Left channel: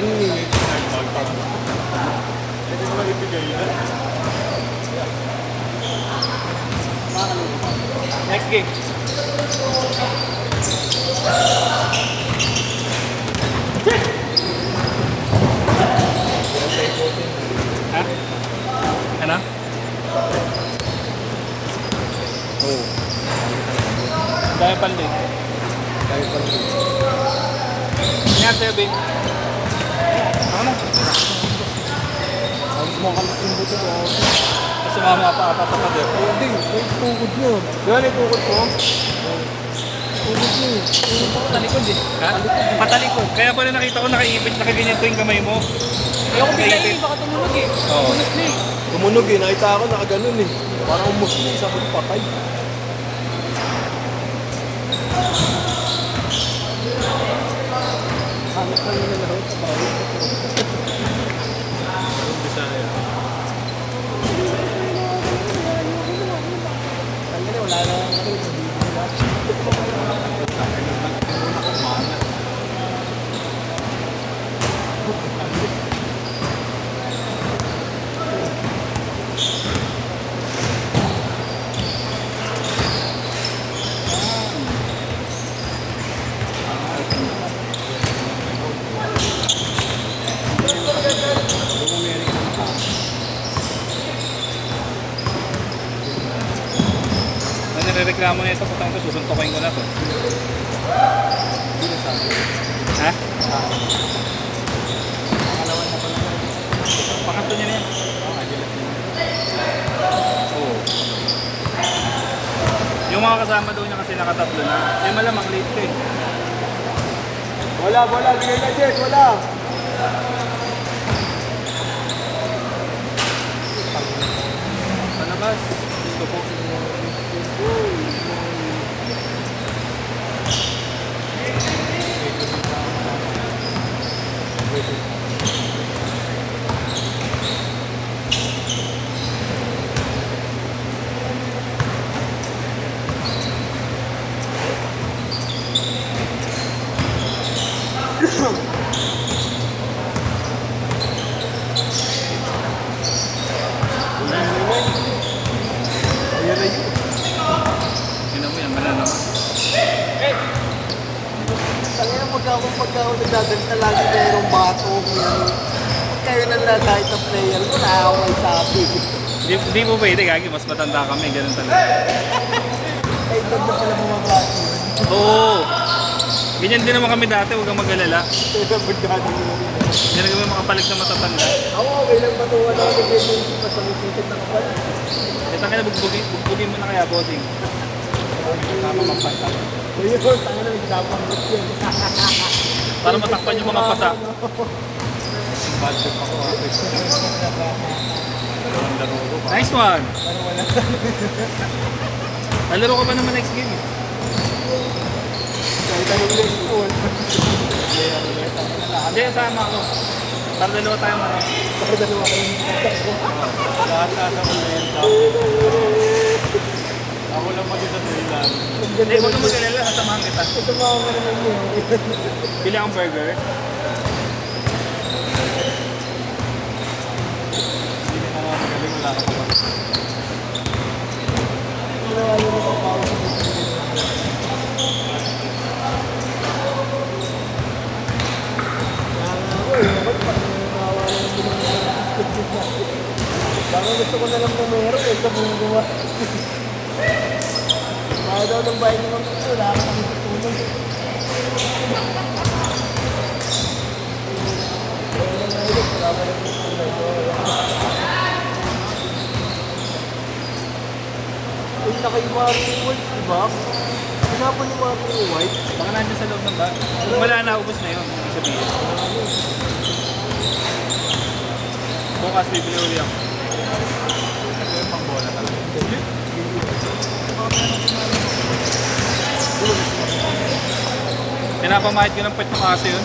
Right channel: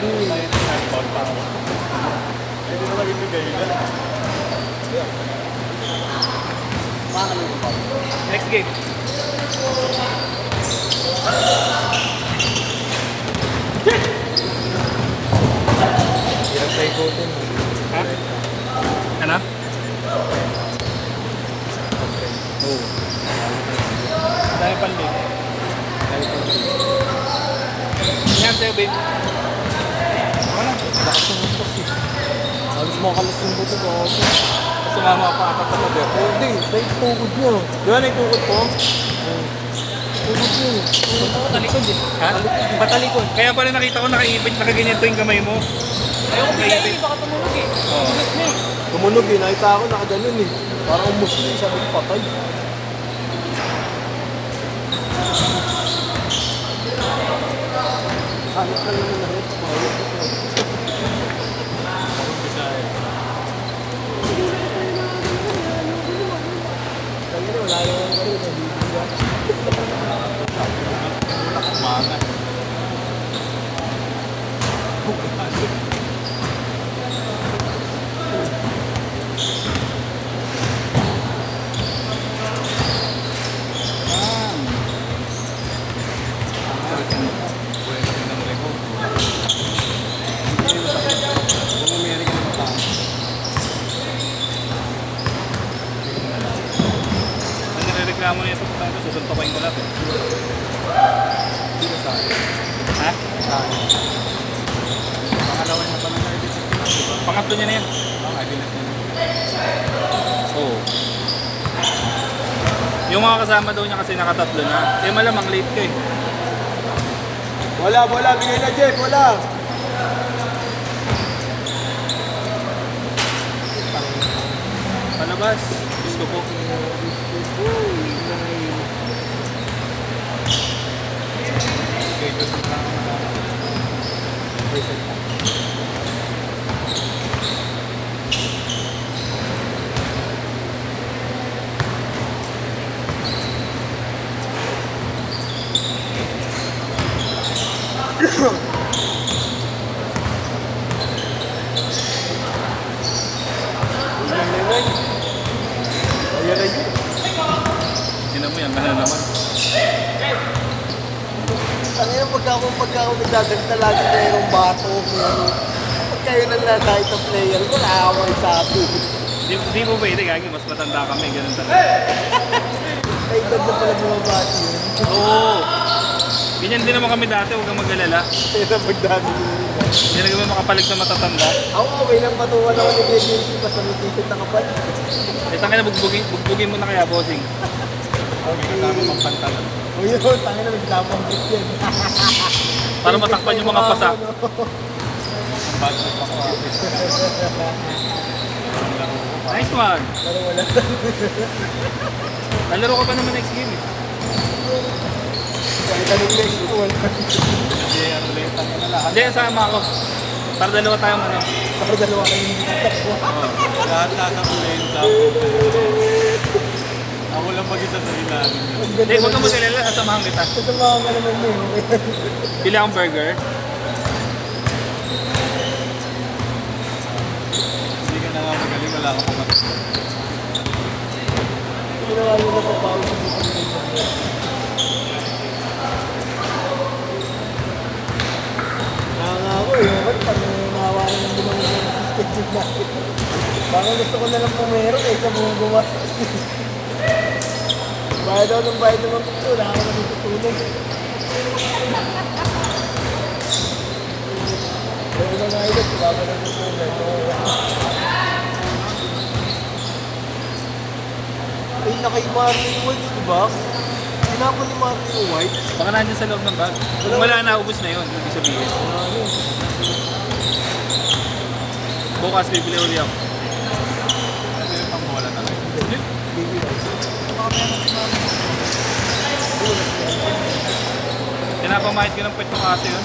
Pwede naman ibigay na. Next game. Ha? Ano? Oo. Dahil pali. Yan, Sebin. Ano? Halos makalit yung buto ko. Tapos sumama pa ata sa pader. Hindi, may tugod nyo. Doon ay tukod ko. Tugod nyo. Patalikod eh. Ha? Patalikod. Kaya pala nakita ko nakaibig, nakaganyan yung kamay mo. Ayoko bigla eh, baka tumunog eh. Oo. Tumunog eh, nakita ako nakaganon eh. Parang umusli, sabi ko patay. Hanap ka naman na rin sa bawit. Bisaya. Kaya wala naman ka rin sa video. Wala kong mga. Reklamo na ito, patang ko, susuntokin ko na ito. Hindi na sa akin. Ha? Pangatlo niya na yan. Oo. Yung mga kasama daw niya kasi nakatatlo na. Kaya malamang late ka eh. Wala, bigay na Jeff, wala. Palabas. Gusto ko. Ayan na yun. Tingnan mo yan, manay naman. Kaya pagka ako nagaganda lagi mayroong bato, may ano. Pag kayo na lang kahit na player ko, naaway sa akin. Di mo pwede, Gagi, mas matanda kami, ganun talaga. Ay, ganda pala mga bato yun. Oo. Ganyan din naman kami dati, huwag kang mag-alala. Pero magdami yun. Hindi na kami makapalit na matatanda. Ako, okay lang patuwa na ako nag-graduation kasi may ticket ng kapal. Eh, tangin na bugbugin mo na kaya, bossing. O yun, tangin na nagdapang break yun. Para matakpan yung mga pasa. Badlok ako, apit. Nice one! Pero wala. Lalaro ka ba naman next game? Kami next school. Hindi, sama ako. Para dalawa tayo mga. Para dalawa kami. Lahat kakamenta. Ako lang mag-isa sa ilan. Hindi, huwag ka mag-alala. Kasamahan kita. Kasamahan ka naman yun. Pili akong burger. Hindi ka na nga magaling. Wala ka pa. Ginawa nyo na pabago sa buto. Parang gusto ko na lang pumero eh, sa buong gawa. Kaya daw ng bahay naman po, wala ka na tutulong. Ay, nakaiba yung words, diba? Hinapon yung mga white. Baka nandiyan sa loob ng bag. Kung wala na, ubos na yun. Ibig sabihin. Bukas bibili uli ako. Pinapamahid ko ng pet ko kasi yun.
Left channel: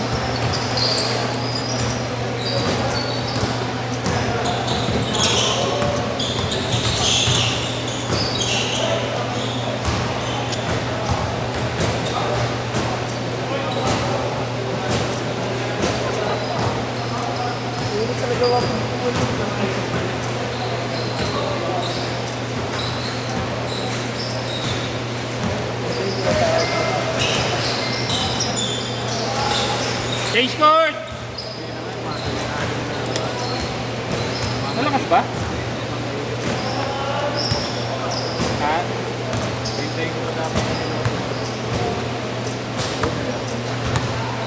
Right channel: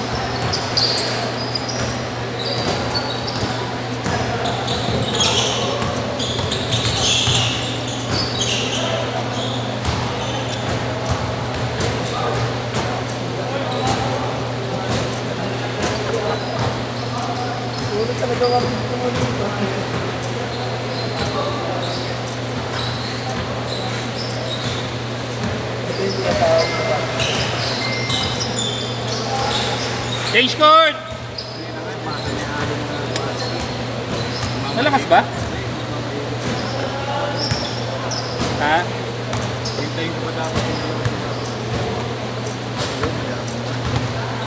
Change court! Malakas ba? Ha?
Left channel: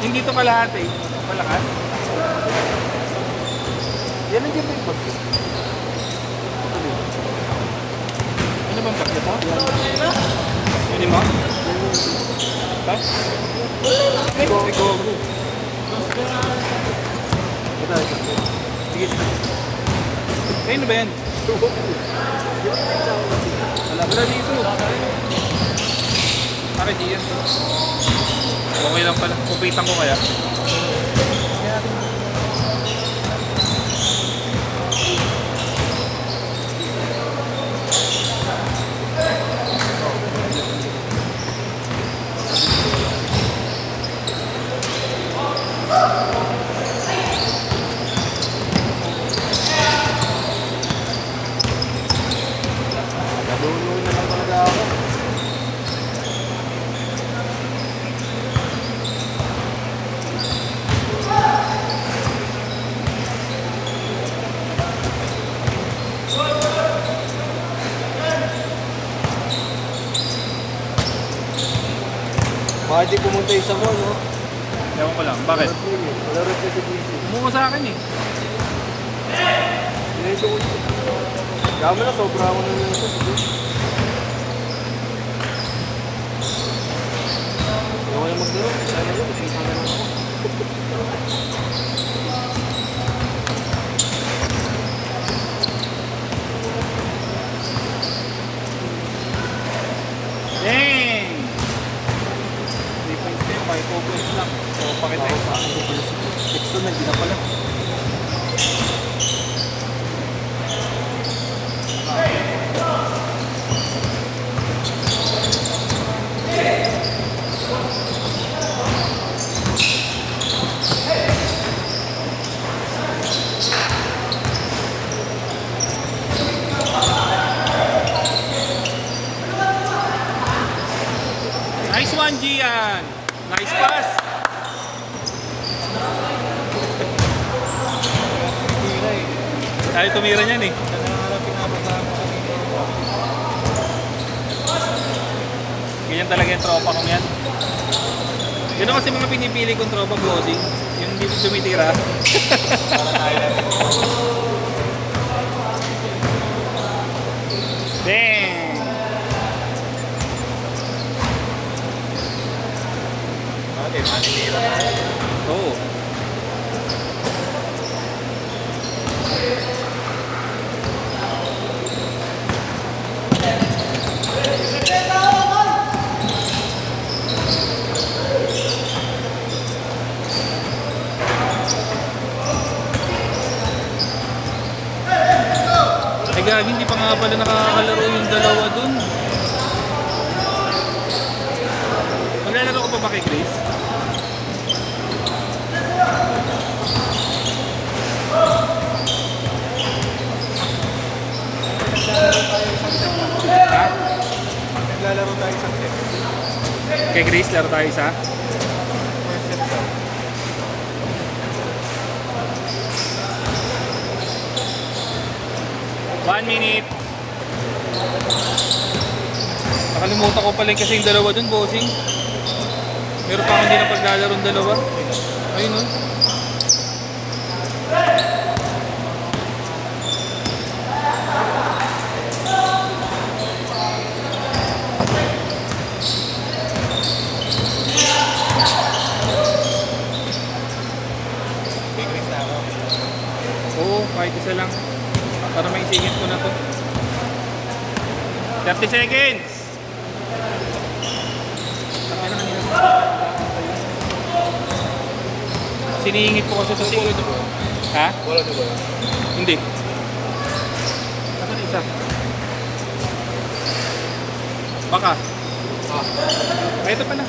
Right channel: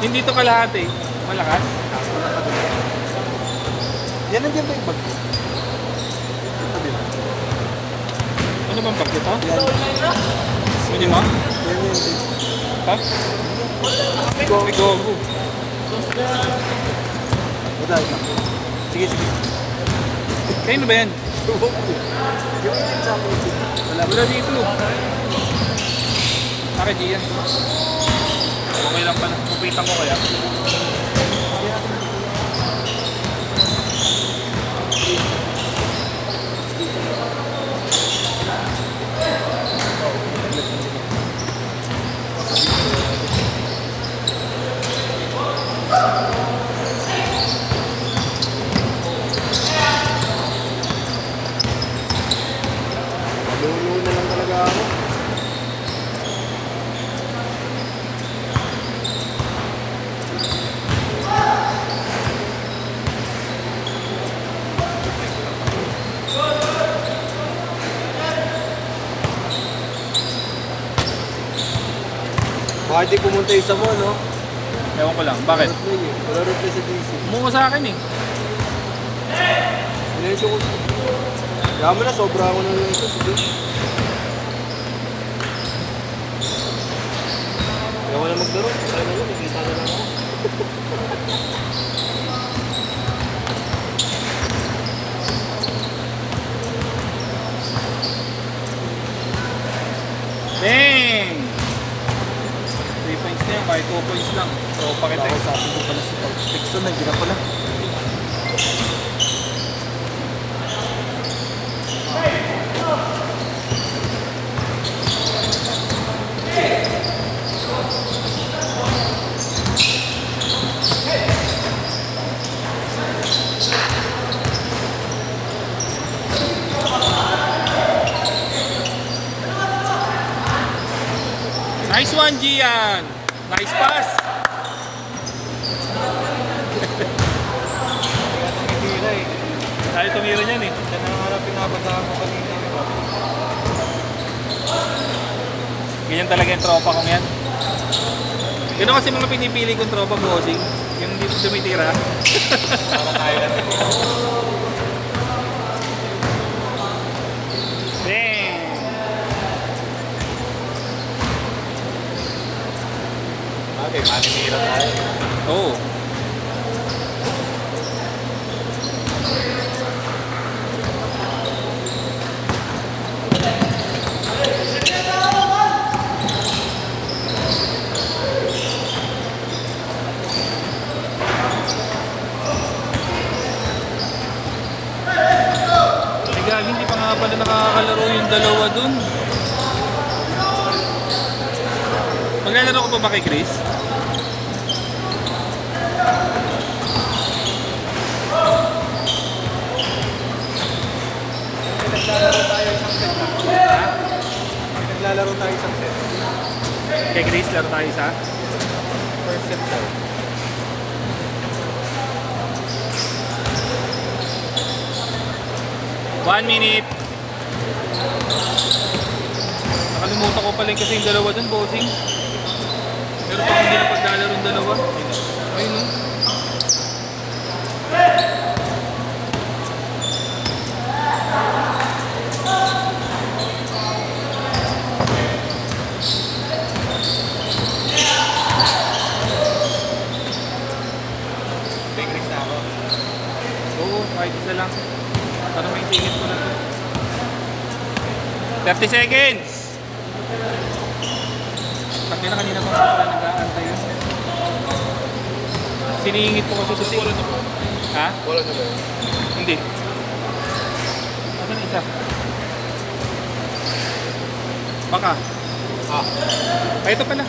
Hindi to kalahati. Malakas? Yan ang ganda ito. Ano bang bakit ito? Pwede mo? Ha? May gogo. Sige, sige. Kayo na ba yan? Wala dito. Bakit di yan? Okay lang pala. Kupitan ko kaya. Nalulo na lang talaga ako. Baka di pumunta isa mo, no? Ewan ko lang. Bakit? Wala rin kayo sa busy. Umuha sa akin eh. Wala mo na, sobra ako na lang ito. Sige. Ayaw ko na maglaro. Ayaw na yun, ikita na lang ako. Dang! 3 points na yan. Kahit 2 points lang. Tropa kita eh. Sa akin ko pala si Pixel na. Hindi na pala. Nice one, Gian! Nice pass! Kaya tumira niyan eh. Nangangarap yung nga ba sa akin kanina? Ganyan talaga yung tropa kong yan. Yun kasi mga pinipili kong tropa bossing. Yung hindi tumitira. Bang! Okay, manitira. Oo. Ay gagi, hindi pa nga pala nakakalaro yung dalawa dun. Maglalaro ko pa ba kay Chris? Naglalaro tayo isang set. Kay Chris, laro tayo isa. First set tayo. One minute. Nakalimutan ko pala kasi yung dalawa dun, bossing. Meron pa hindi na paglalaro yung dalawa. Ayun o. Oo, kahit isa lang. Para may singit ko na to. 30 seconds! Sabi na kanina sa nag-aantay yun. Sinihingit ko kasi sa sulit. Ha? Wala na ba? Hindi. Saan na isa? Baka. Ay, ito pala.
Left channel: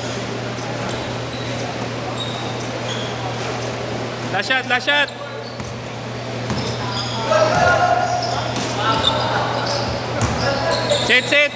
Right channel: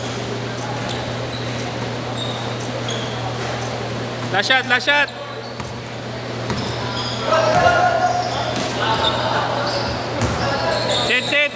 Last shot, last shot! Set, set!